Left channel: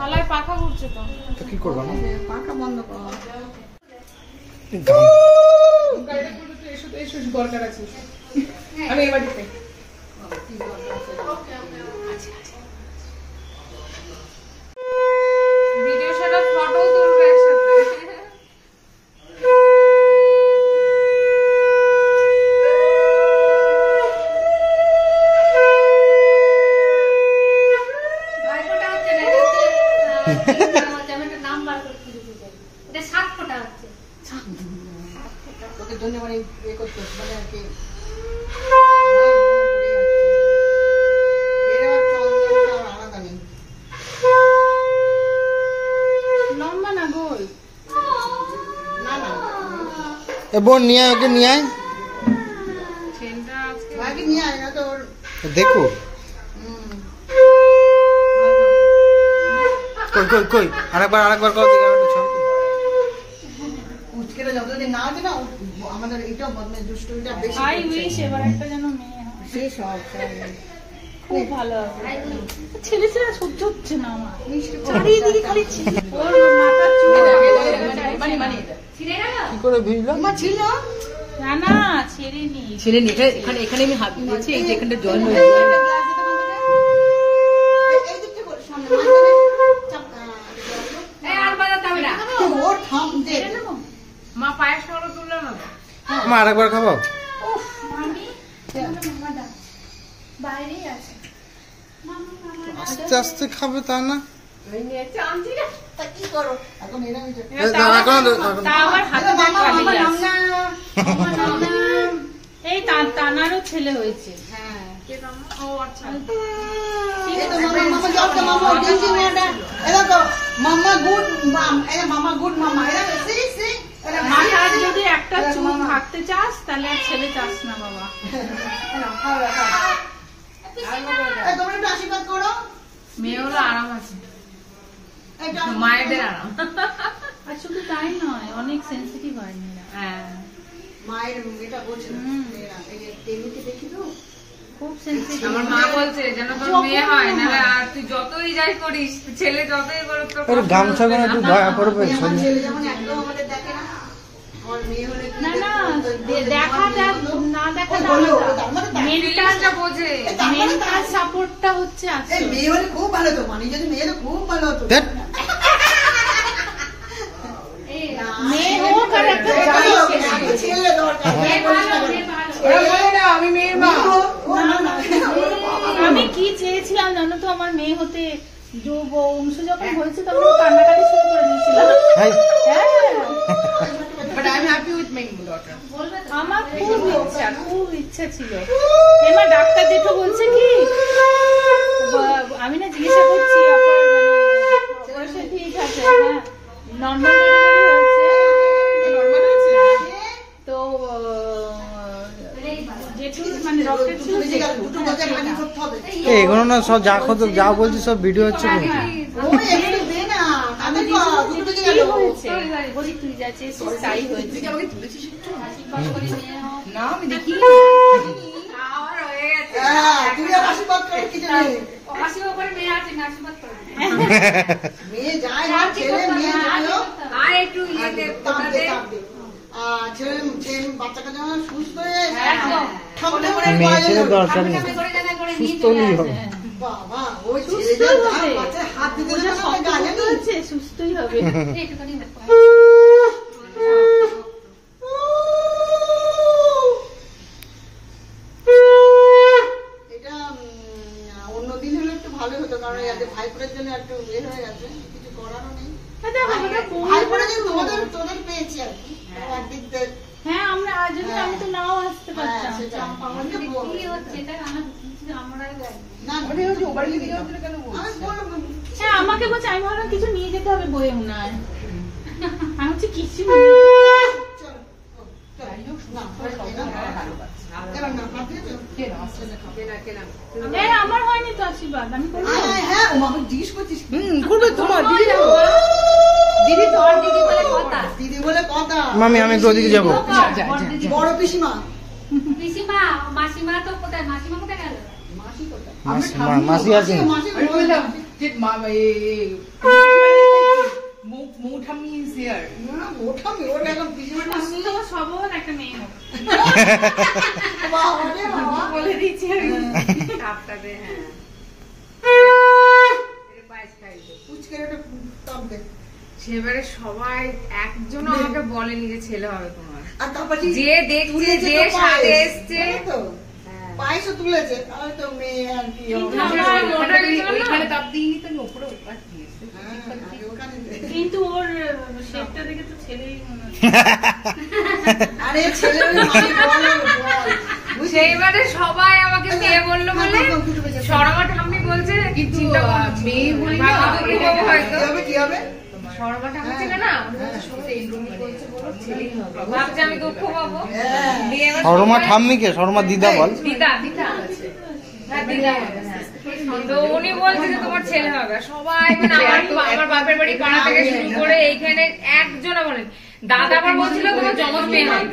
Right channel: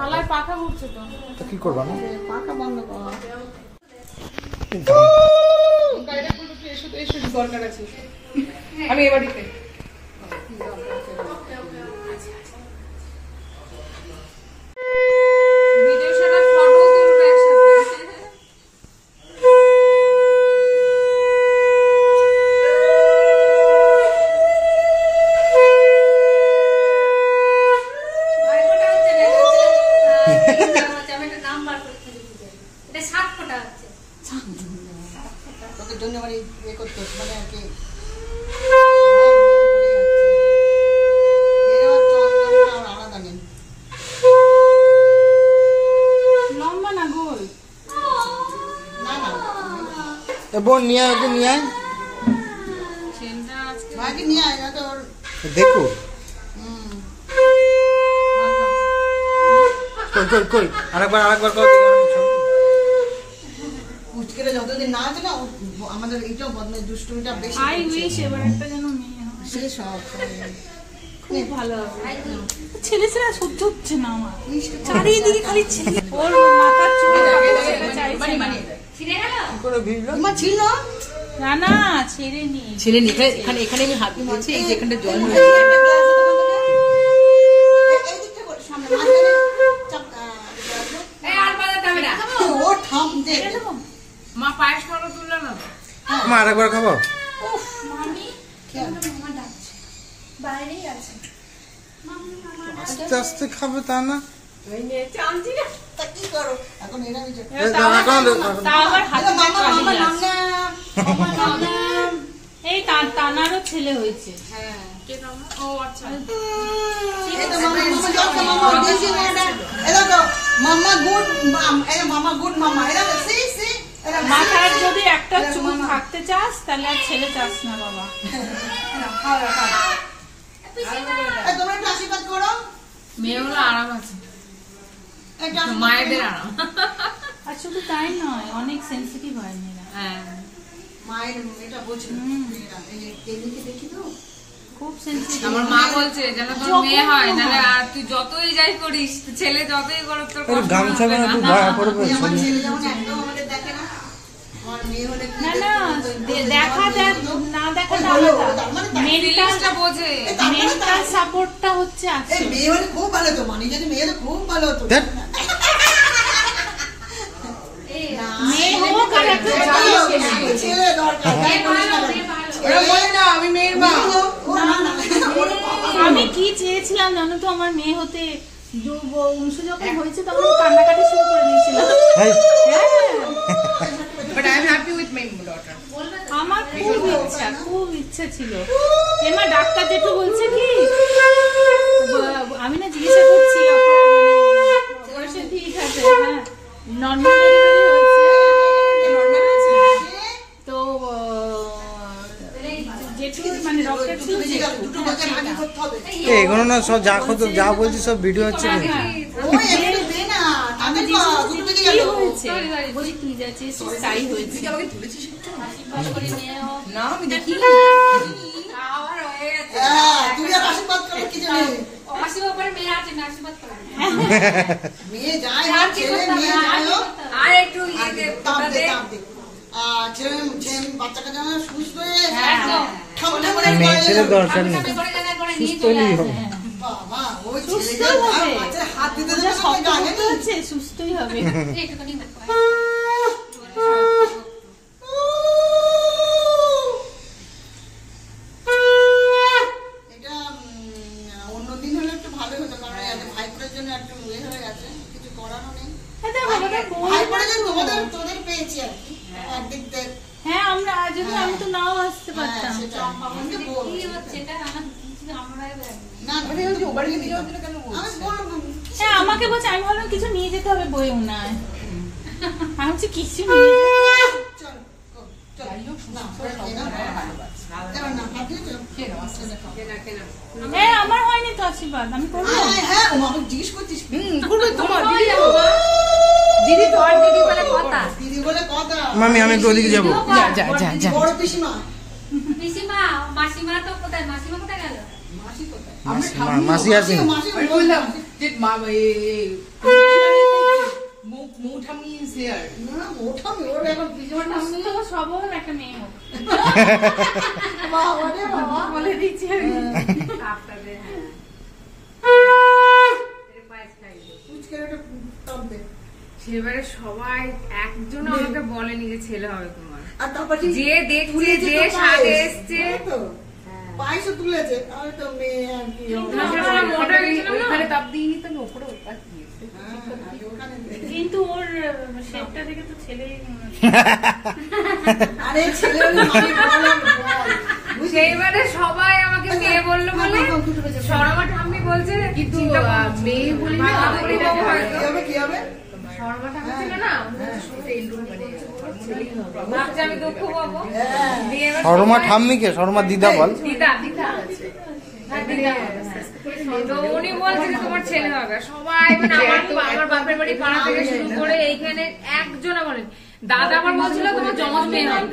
থালায় পাখা ঘুরছে তো। তো কি করবা না? পাখা বন্ধ কর। দরকার আছে আমি এ বাড়িতে ভিডিও সেটা ফটো তুলবে একসাথে। তোকে জন্য মানে ইয়ে করতে মানে আর কি আলাদা নেই লম্বা না গোল না না বোন নিয়ে আয়, নিয়ে আয় ভাইকে নিয়ে আয় না তো ওর দেখো। কই কই কই আরেকবার কর দিকে উচকেটা যতদিন না আছে না আমাদের এইটাও বদমাইশ দুষ্টুমিটা বেশি আই উইশ এবার একটা যেন মেয়ে হয়। সেই সব খুব ভালো হবে। ছেলে ছেলে সহ্য হচ্ছে না আমার। চারিদিকে খালি ছেলে। ওর মাথার চুল মানে মানে ছিঁড়ে গেল? কি করে ভিড়লো? তোমার ছিল না না ছেড়ে নি। ছেলে এখানে এখানে আমি হাত দিয়েছি এই যে এখানে জল হয়েছে এই দিকটা করে সামনে মাঝখানে চাপ এই আর বাজাতে হবে না। ও থাম দে মা পায়েস খাওয়া তুললো না তো। মা আরেকবার খাবো? উফ মামি মামা ডাকছে বাইরেই আছে। আস্তে আস্তে খাবে তা না? এই নিয়ে চামচি না তা কি করো এখন এরা আমি তা আমার হাতে মামা মামা নাম না মামা নাম এই তানারও ছেলে হয়েছে। হ্যাঁ কে মামা? ও আচ্ছা এই তো মামা দিছি মেয়েটা এরা তো মামা গুড মাম এরা মামা গুড মামা এরা সি এরা মাথার যদি একটা চুল থাকতে চাস তাহলে আর ছেলে চাস না বাবা। তোমরা একটু আশীর্বাদ করো মেয়ে হলো আরাম আছে, মায়েদের আরাম। আর শুধু তাই নয় অনেক সেন্সিটিভ হয় মেয়েরা। হ্যাঁ মায়ের এটা বোঝে মেয়েরা এই টেলিতে দেখি তো খুব সেন্সিটিভ। আমার মা বলছে যেন তোর মেয়ে হয় না তুই যতই যাই করিস ছেলে যতই করো তোর ওর গামছা না একটু দয়া করবে। আমার ছেলে যেমন একদম আমাদের দেখে না আমার মেয়ে হলে কি না না দেখা না দেখা না হলো তার মানে ফিলিংসটা বোঝে। মেন্টাল সাপোর্টটা হচ্ছে আছে। এই মেয়ে হলে খুব ভালো তো মানে যদি মেয়ে হলে খুব ভালো হতো ধ্যাৎ। মেয়ে হোক আর একটা ছেলে দরকার আমি মেয়ের মা। ও না না আমি কি চেয়েছিলাম জানো তো, আমার মেয়ে হতে। অংশু যখন হয়েছে তখন কান্নাকাটি শুরু করে দিয়েছিল। ভাই but I'm happy with my daughter আমার খুব ইচ্ছা ছিল। এবার ডাক্তার যেটা বলছে কি আমি না জিজ্ঞাসা করছি অপারেশন ঠিক আছে, হ্যাঁ নর্মাল ডেলিভারি হয়েছে তো যেটু মানে ডক্টর ছিল দুটো বাচ্চা আগে করতে হবে এগুলো না সব যা বলছি সব ভিডিও হচ্ছে কিন্তু। ও এমনি দে না তাদের দুটো দিকে গেল বলি তুই যাচ্ছিস তাই হয়েছে না আমি দেখি তুমি আর আশীর্বাদ করে কি জানি মেয়ে যায় না ছেলে মেয়ে যায় আর একটু ইয়ে দে তাপ দে ছেলে বাচ্চাটা যেন সুস্থ হয়ে ঠান্ডা মেয়ে ছেলে দরকার নেই, সুস্থ হলেই হবে। বাবা ওই ছেলে বাচ্চার হাত দিতে দেবে না গায়ে হচ্ছে সুস্থই হবে। এটা অন্যদিন হলে একটু ভালো হতো কারণ আজ ভাইপোরের জন্য একটু বের হয়ে গেছে, কিছু করারও নেই। ভাইপোরের জন্য তোদের পেয়েছি আর কি একদিক দিয়ে। হ্যাঁ আমরা যদি আমি তো নাও আসতে পারতাম। হ্যাঁ আমাকে বলছে, আমি ভাবলাম কিছু নিয়ে যেতে হবে বইয়েও না, আমি হচ্ছে কিছু আমার হয়নি তো আশীর্বাদ আমি জিজ্ঞেস করছিস দিদি বলে কথা মামি আমি একটু ওদিকে যাবো। বড় পিসিমা মাসিমা তো কোথায়? মাসিমা কোথায় গেল? মাসি কোথায়? মাসি আছে। মাসি যে মৌঠামি is here. না ওটা আমি ওর এখন পিছনে ঠাম্মি তোমার সবল একটা মেয়ে হোক বাবা রে বাবা বলে দিচ্ছি আমি। আপনাদের হ্যাঁ এর পায়েস খাইবে পুচকের একটা টপ দে সেবারে সবাই একজন আমাকে বলেনি যে ছেলে হবে তোমার আর তারপর যে দেখছে যে সাথে এসছে পায়েসও তুলেছে আমি তো মেয়ে আর কি আমার মোটা গেছিল না ওইখানে তাপ দিইনি তো আমি উপরে উৎপাত দিয়েছি। ওখানে কিন্তু ওর শেপটা দেখে তো ছেলেই মনে হচ্ছে। আরে ছেলে মানে বল সেইবারে সবাই আমাকে মেয়ে বললো বলে সরমা ঠাম্মি বলছে কিন্তু চিন্তা করো না। মেয়ে বলি না, বাবা বলি বাবু হয়তো কি হবে কি হবে সরমা ঠাম্মি ছিল না ভাবছে আমি দুঃখ পাবো দিয়ে এবার শর্মা সবাই- ঠাম্মিকে শর্মা দিদা বল দিদা হ্যাঁ দিদা তো উনি বলছে যে তোমার ছেলে হবে সবাই মানে আমার বাপের বাড়ি পাড়া থেকে শুরু করে এইখানে একজনে বলেন দাদা আবার বলছিল তোমার জমজ মেয়ে হবে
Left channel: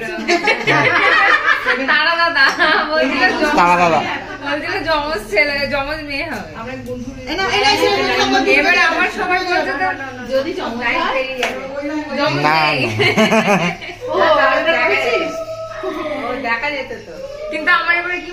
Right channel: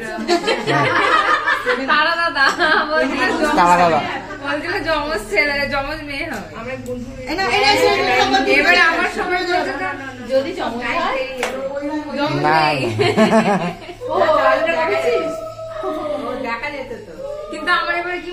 তারা দাদা বলছিল তারা দাদা বলছিল জমজ ছেলে জমজ মেয়ে হবে না এরা এসে এবার আমার সবাই বলছে যদি চমৎকার জমজ না, মেয়ে। ও, দেখা যেত তো কিন্তু আমার এবারে কি